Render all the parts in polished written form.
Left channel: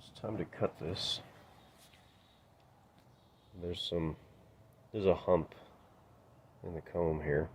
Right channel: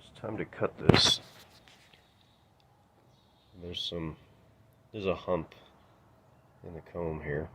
it's time to cut this. There's a hump in the comb here.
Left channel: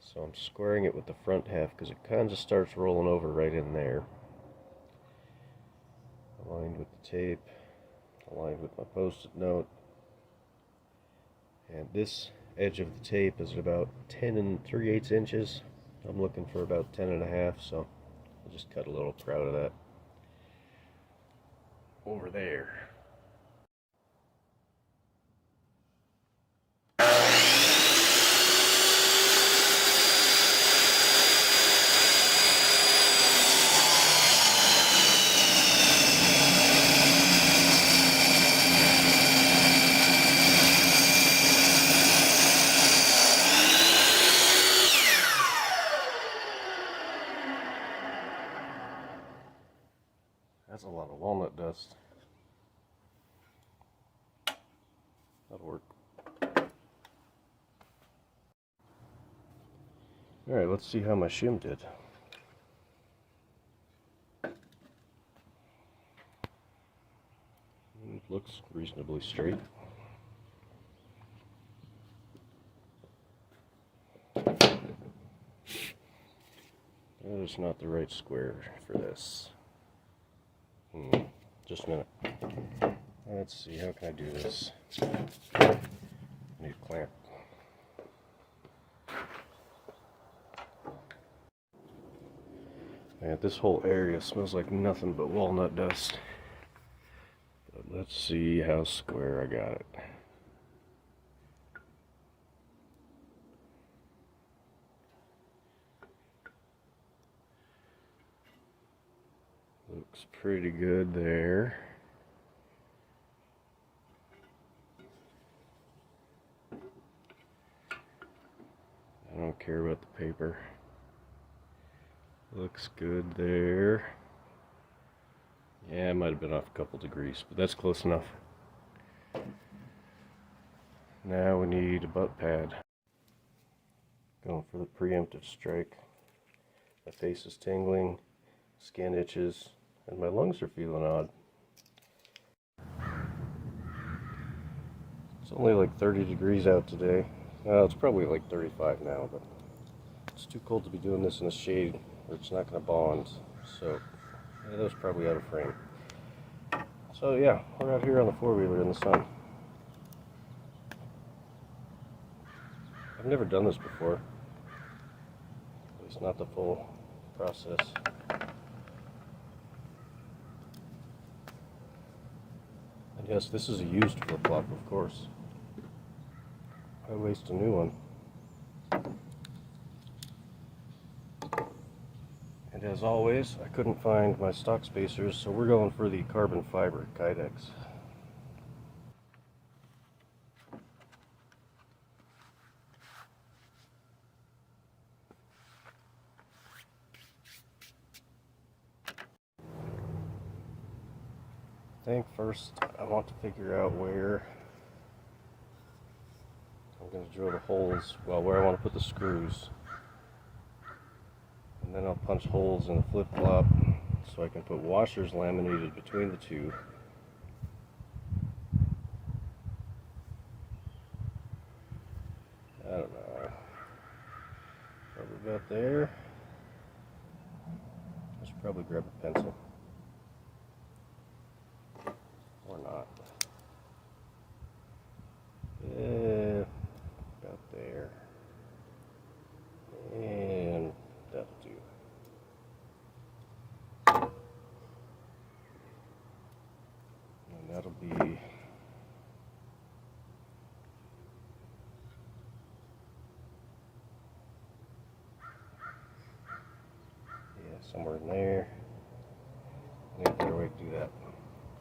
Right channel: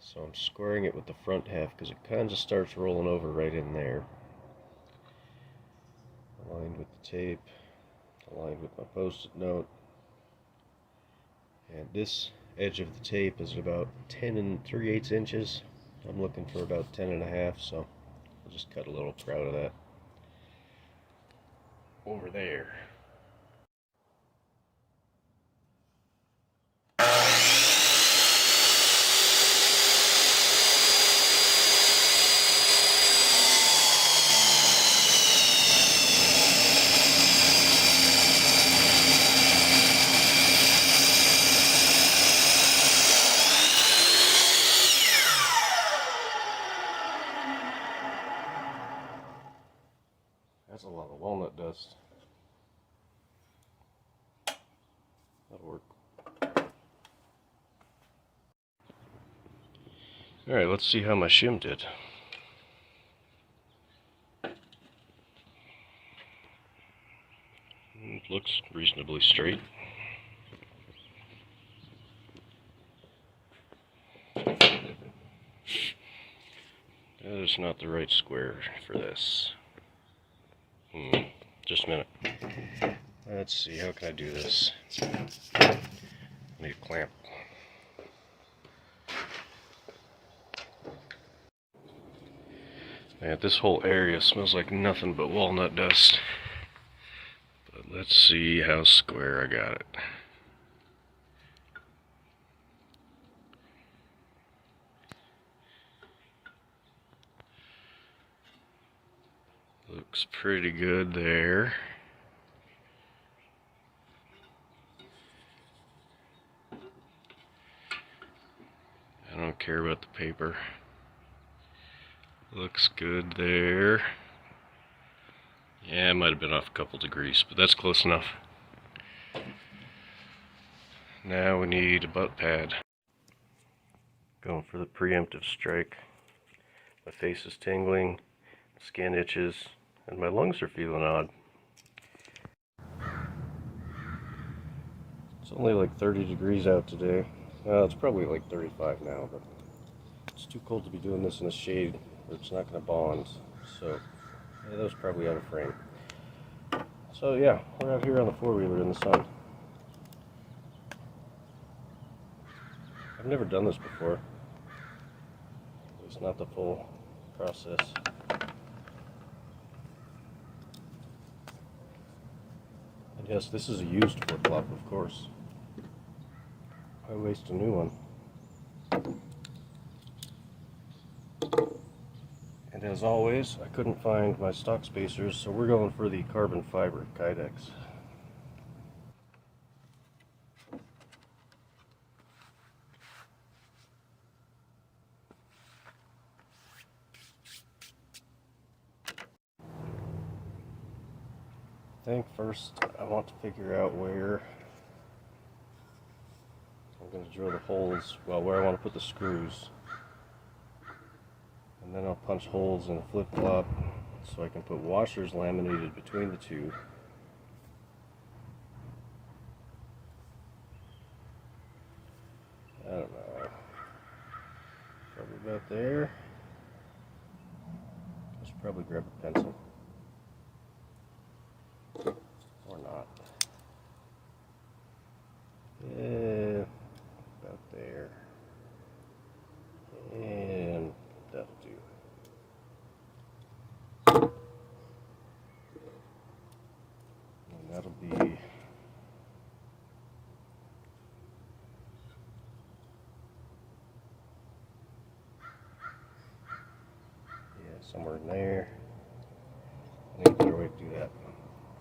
So I'm squaring it with the front half because it kind of starts rolling over right in there. Aligned with the tape, aligned with my post-it note. And this edge of the tape is about 10 3/8 inches. I'm looking for about 10 1/2, so I'll just cut a little proud of that over there. That's a lot of walnut dust. That'll work. Alright, let's see how my shim did. It looks reasonably straight. That is not the right square for this. Just a minute. Let's see, how can I do this? I need a clamp. Man, this whole area smells like nothing but walnut dust. But let's see how square I got it. Looks pretty good there. I don't care about the paper. Looks good there. Yeah, it might have been off a couple degrees, but that's close enough. Now we need a butt pad. Going for the preemptive strike. My face is tingling, skin itches, and my lungs are feeling odd. It's only like 30 degrees out today. It's probably like 35 now, but it's too cold to be doing this in the shade or it's not going to bond. So, yeah, that was probably out of frame. So yeah, we're out here on the four-wheeler in the sun. I've never done this before. At least not the full process. And yes, this is a used flip-flop, of course. Why waste a new one? And as always, I couldn't find my stock spacers, so we're going for the carbon fiber Kydex. I think first I want to figure out where I'm going to drill the holes, well, where I want to put the screws. And then I'll punch holes in the flip-flop so I can put washers laminated between the two. I don't know. Probably about there. I should probably grab a pencil. Or not. Yeah, about there. And that'll do. And that'll be somewhere in there. I need a better way to do that.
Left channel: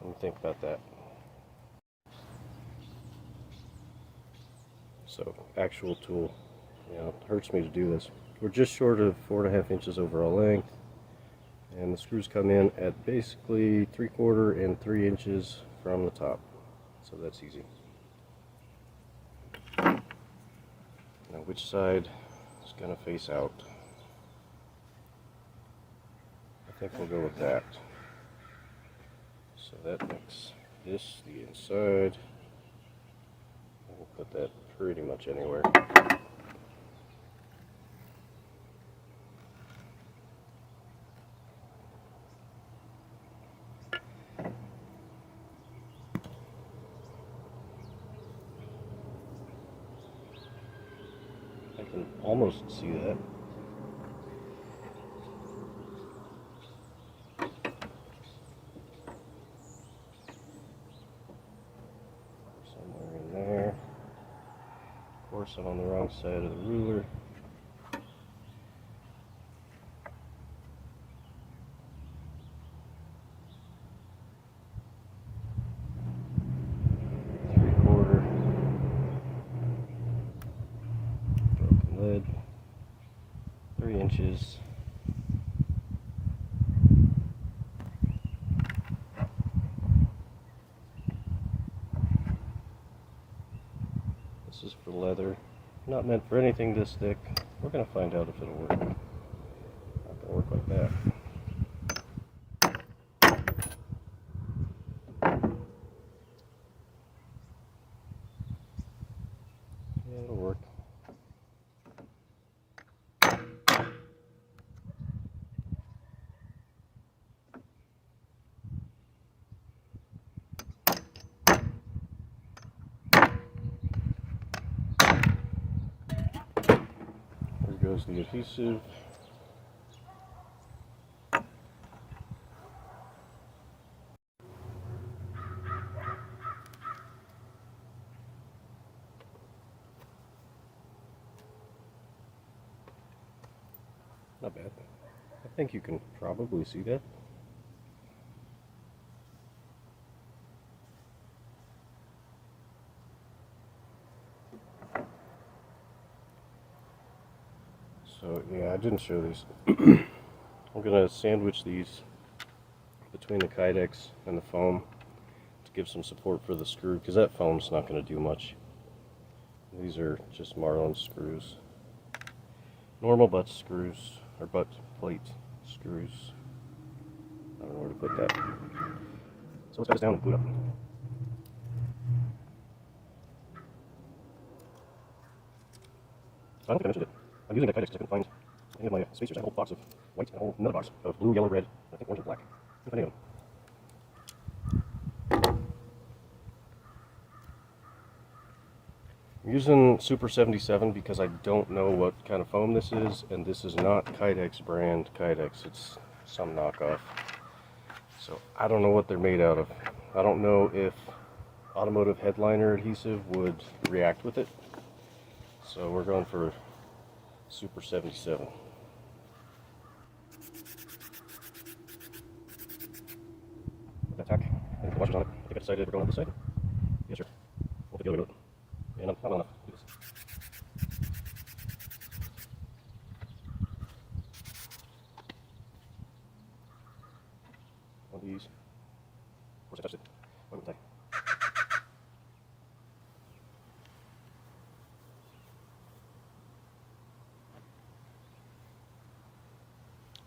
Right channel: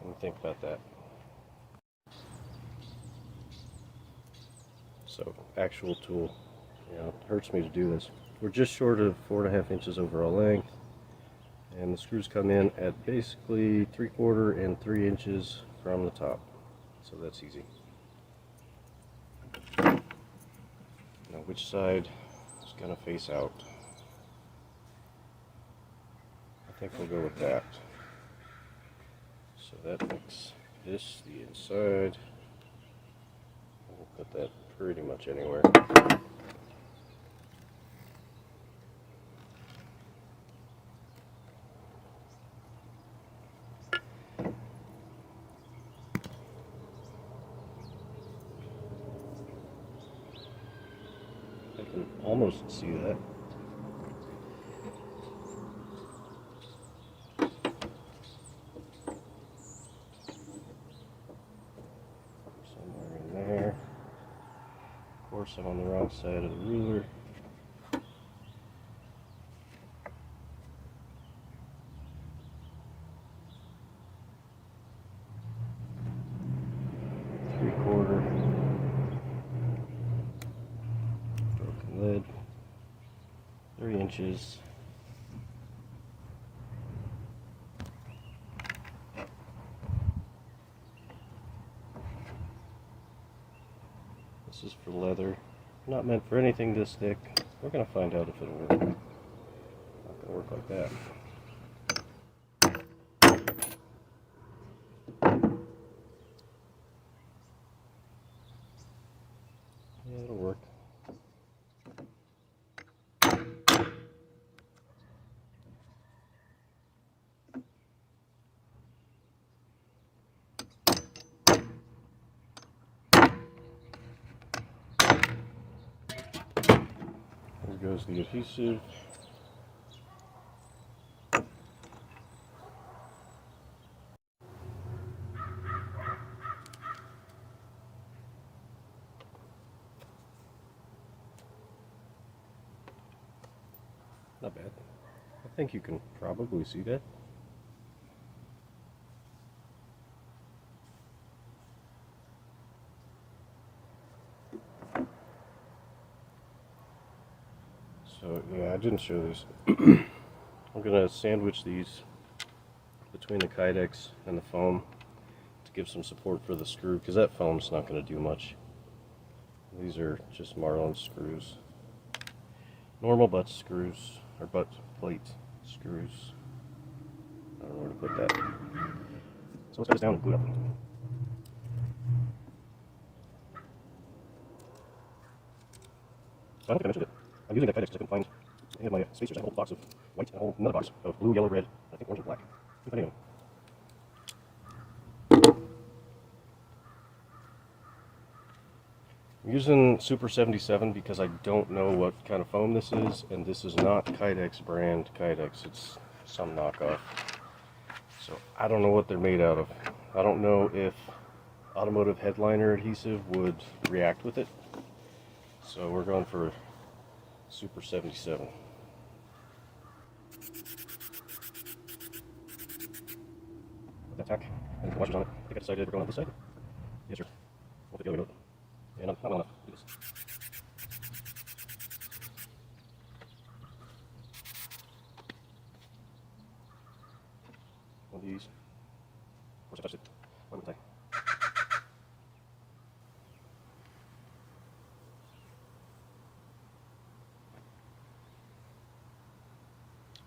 Let me think about that. So, actual tool. You know, it hurts me to do this. We're just short of 4.5 inches overall length. And the screws come in at basically 3/4 and 3 inches from the top. So that's easy. Now which side is going to face out? I think we'll go with that. So that makes this the inside. We'll put that pretty much anywhere. I can almost see that. Somewhere in there. Of course, I'm on the wrong side of the ruler. Broken lid. 3 inches. This is for leather. Not meant for anything this thick. We're going to find out if it'll work. Not going to work like that. Yeah, it'll work. There goes the adhesive. Not bad. I think you can probably see that. So yeah, I didn't show these. I'm going to sandwich these between the Kydex and the foam to give some support for the screw, because that foam's not going to do much. These are just Marlin screws. Normal butt screws, or butt plate screws. I don't know where to put that. So let's put this down and glue it up. I don't think I mentioned it. I'm using the Kydex because I couldn't find any of my spacers. I have a whole box of white and a whole another box of blue, yellow, red, I think orange and black. If I name them. I'm using Super 77 because I don't know what kind of foam this is, and this is not Kydex brand Kydex. It's some knockoff. So I don't know what they're made out of. I don't know if automotive headliner adhesive would react with it. So we're going for Super 77. Put that tack and the washers on it. I think I decided we're going on this side. Yes, sir. We'll put the other one up. And I want to do this. One of these. Of course, I touched it. Why wouldn't I?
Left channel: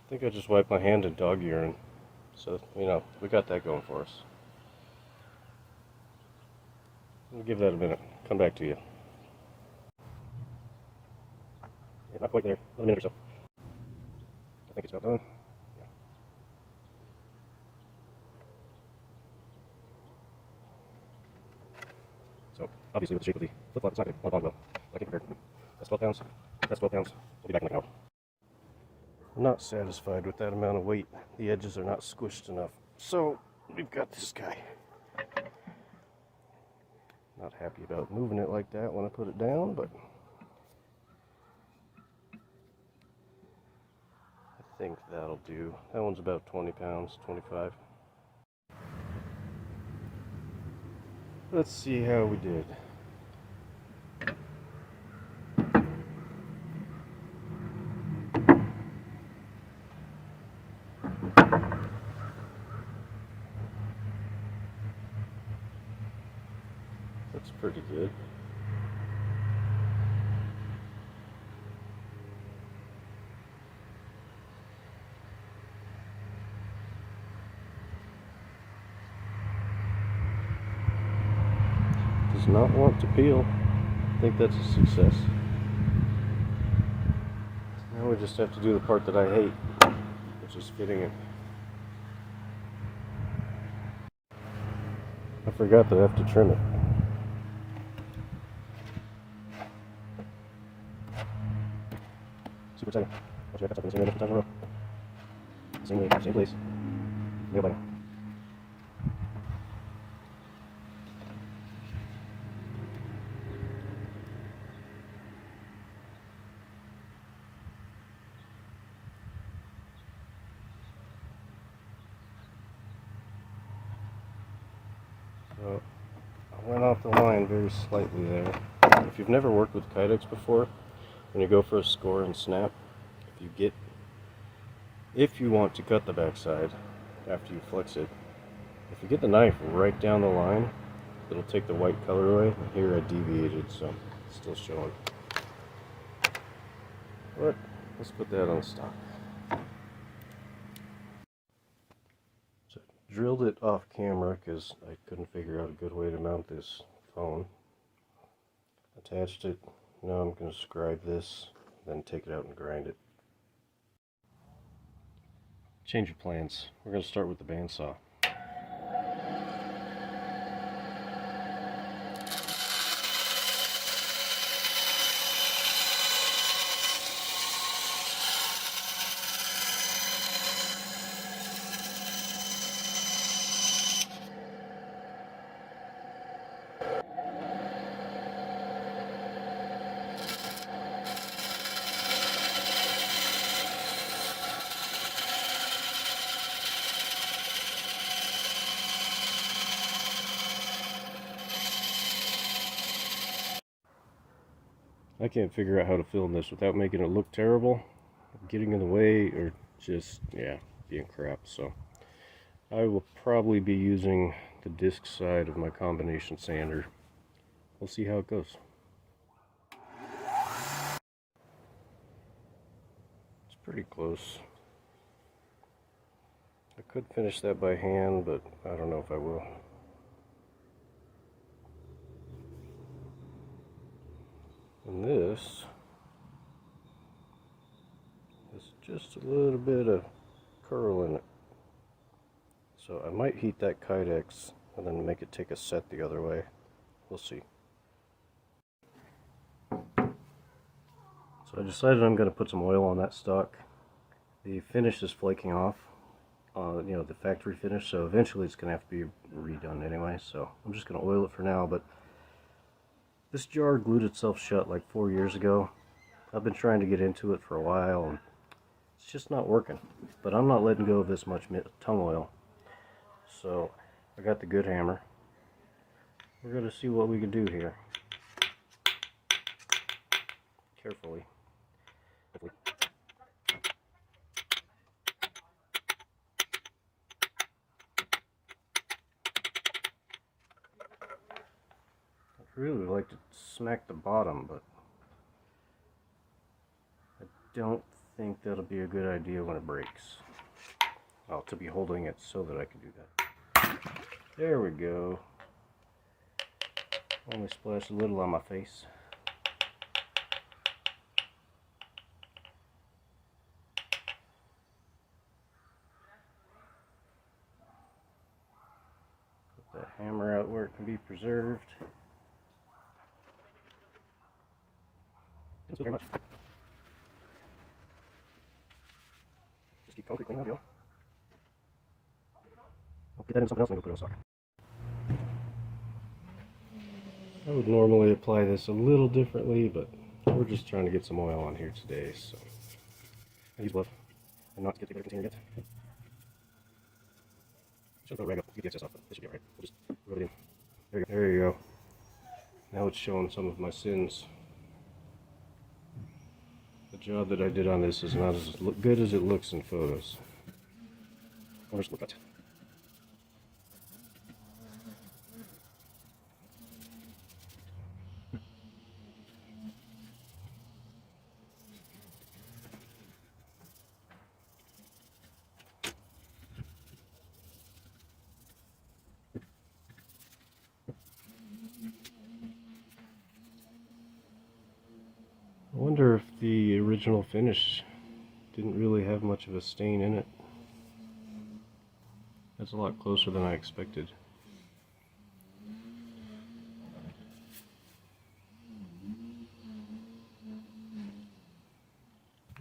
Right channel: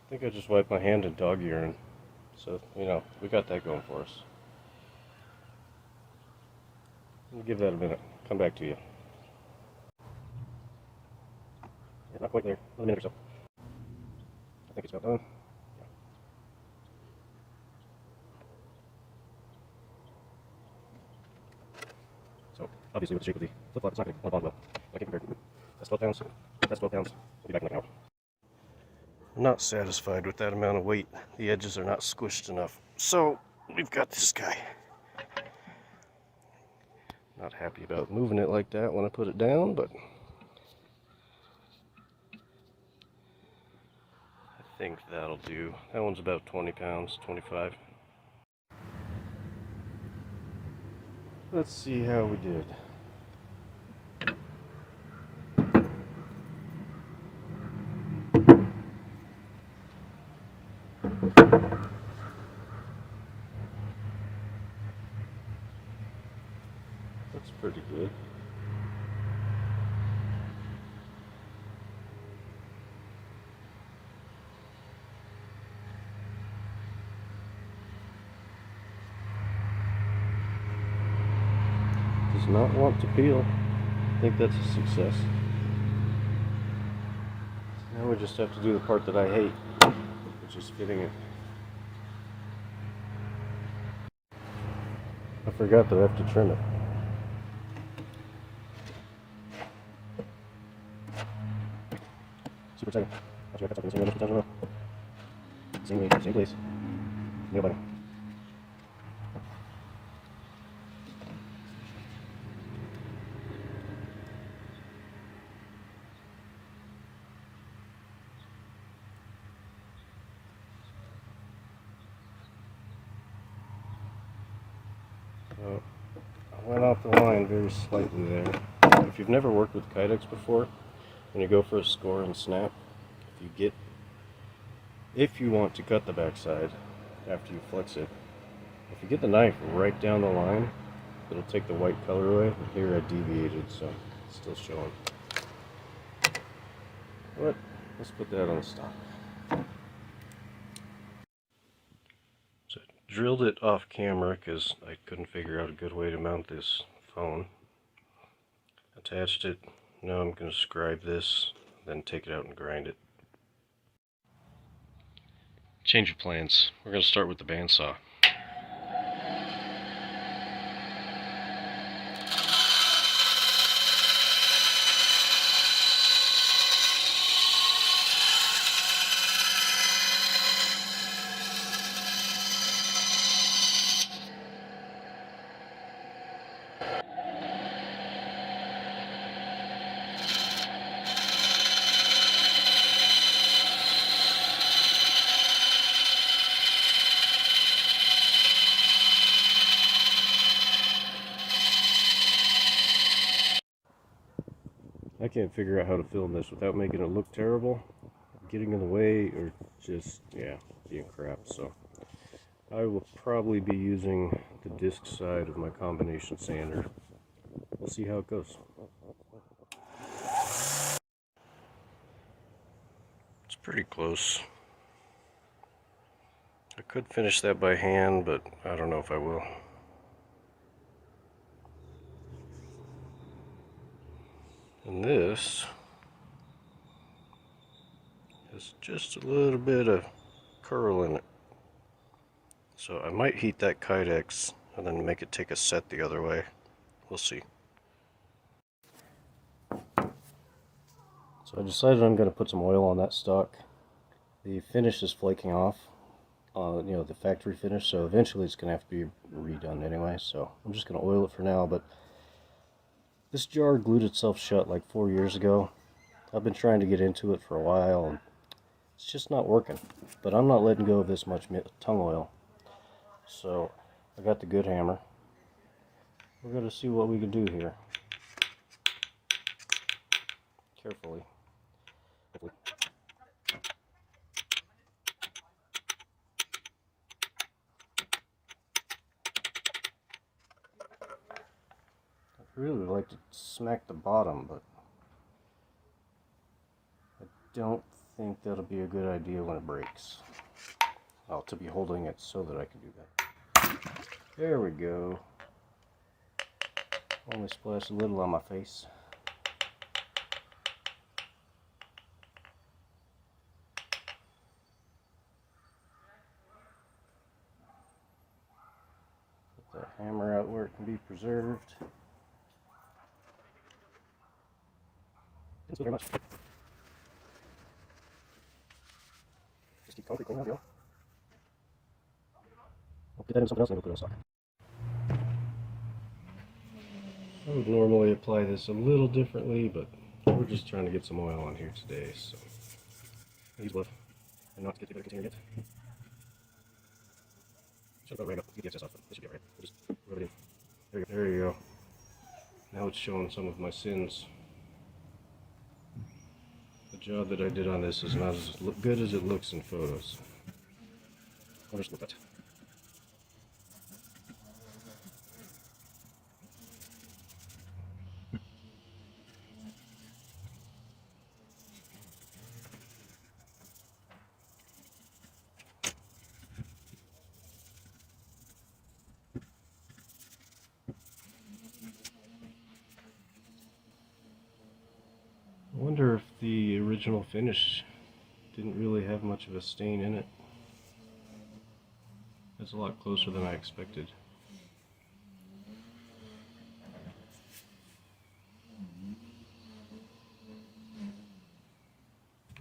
I think I just wiped my hand in dog urine. So, you know, we got that going for us. We'll give that a minute. Come back to you. Yeah, not quite there. Another minute or so. I think it's about done. Yeah. So, obviously with the shape of the flip-flop, it's not going to bottom out. Like if you're that's 12 pounds, that's 12 pounds. I'll be back in like an hour. I'm not satisfied with that amount of weight. The edges are not squished enough. So, we've got this guy. Not happy about moving it like that when I put it down, but I think that'll do. That one's about 20 pounds, 25. Let's see how we did. That's pretty good. does not want to peel. I think that's a success. Now we just have to do the part that I hate, which is fitting. I forgot that I have to trim it. Super exciting. Same place. No button. So I went off the line very slightly there. If you've never worked with Kydex before, when you go for a score and snap, if you want to cut the backside after you flex it, if you get the knife right down the line, it'll take the white color away. And here I deviated, so it's still showing. But let's put that on the stock. So I drilled it off camera because I couldn't figure out a good way to mount this phone. Attached it. Now I'm going to scribe this, then take it out and grind it. Change of plans. We're going to start with the bandsaw. I can't figure out how to film this without making it look terrible, getting in the way, or just, yeah, being crap. So I will probably be using the disc side of my combination sander. We'll see how it goes. It's pretty close. I could finish that by hand, but I don't know if I will. And this has just a little bit of curl in it. So I might heat that Kydex and then make it take a set the other way. We'll see. So I decided I'm going to put some oil on that stock. The finish is flaking off, you know, the factory finish, so eventually it's going to have to be redone anyway. So I'm just going to oil it for now, but this jar glued itself shut like 4 years ago. I've been trying to get into it for a while, and it's just not working. But I'm not letting go of this much tongue oil. So I got the good hammer. We're going to see what we can do here. Carefully. I'd really like to smack the bottom, but I don't think that'll be a good idea when it breaks. Well, to be holding it so that I can do that. There we go. Only splashed a little on my face. Put that hammer out where it can be preserved. Thank you very much. Just keep focusing, there we go. I'll get that in something else and I'll put it on stock. I would normally apply this a little differently, but we're just trying to get some oil on here today, so I use love and not to get the other container yet. Should go right up, get the excess off. This should be alright. We'll just rub it in. There you go. There you go. Now it's showing some of my sins. The job that I did on this is not as good as it looks in photos. Where's the foot? original finish. Didn't really have much of a stain in it. That's a lot closer than I expected.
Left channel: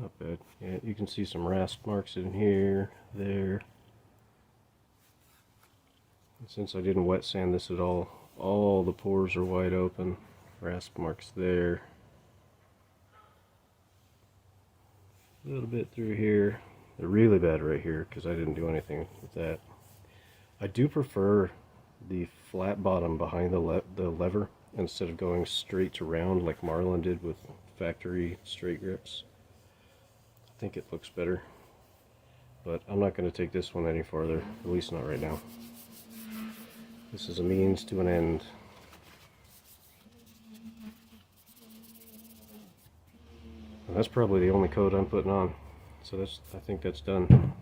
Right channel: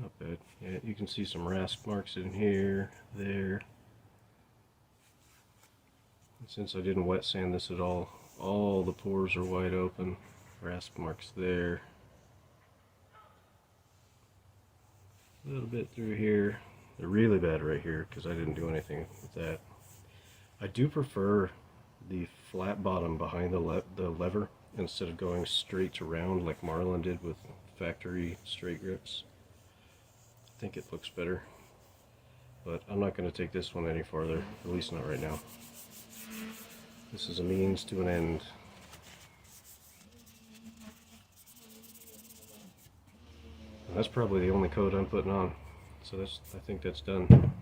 Not bad. Yeah, you can see some rasp marks in here, there. And since I didn't wet sand this at all the pores are wide open. Rasp marks there. A little bit through here. They're really bad right here because I didn't do anything with that. I do prefer the flat bottom behind the lever instead of going straight to round like Marlin did with factory straight grips. I think it looks better, but I'm not going to take this one any farther, at least not right now. This is a means to an end. And that's probably the only coat I'm putting on, so I think that's done.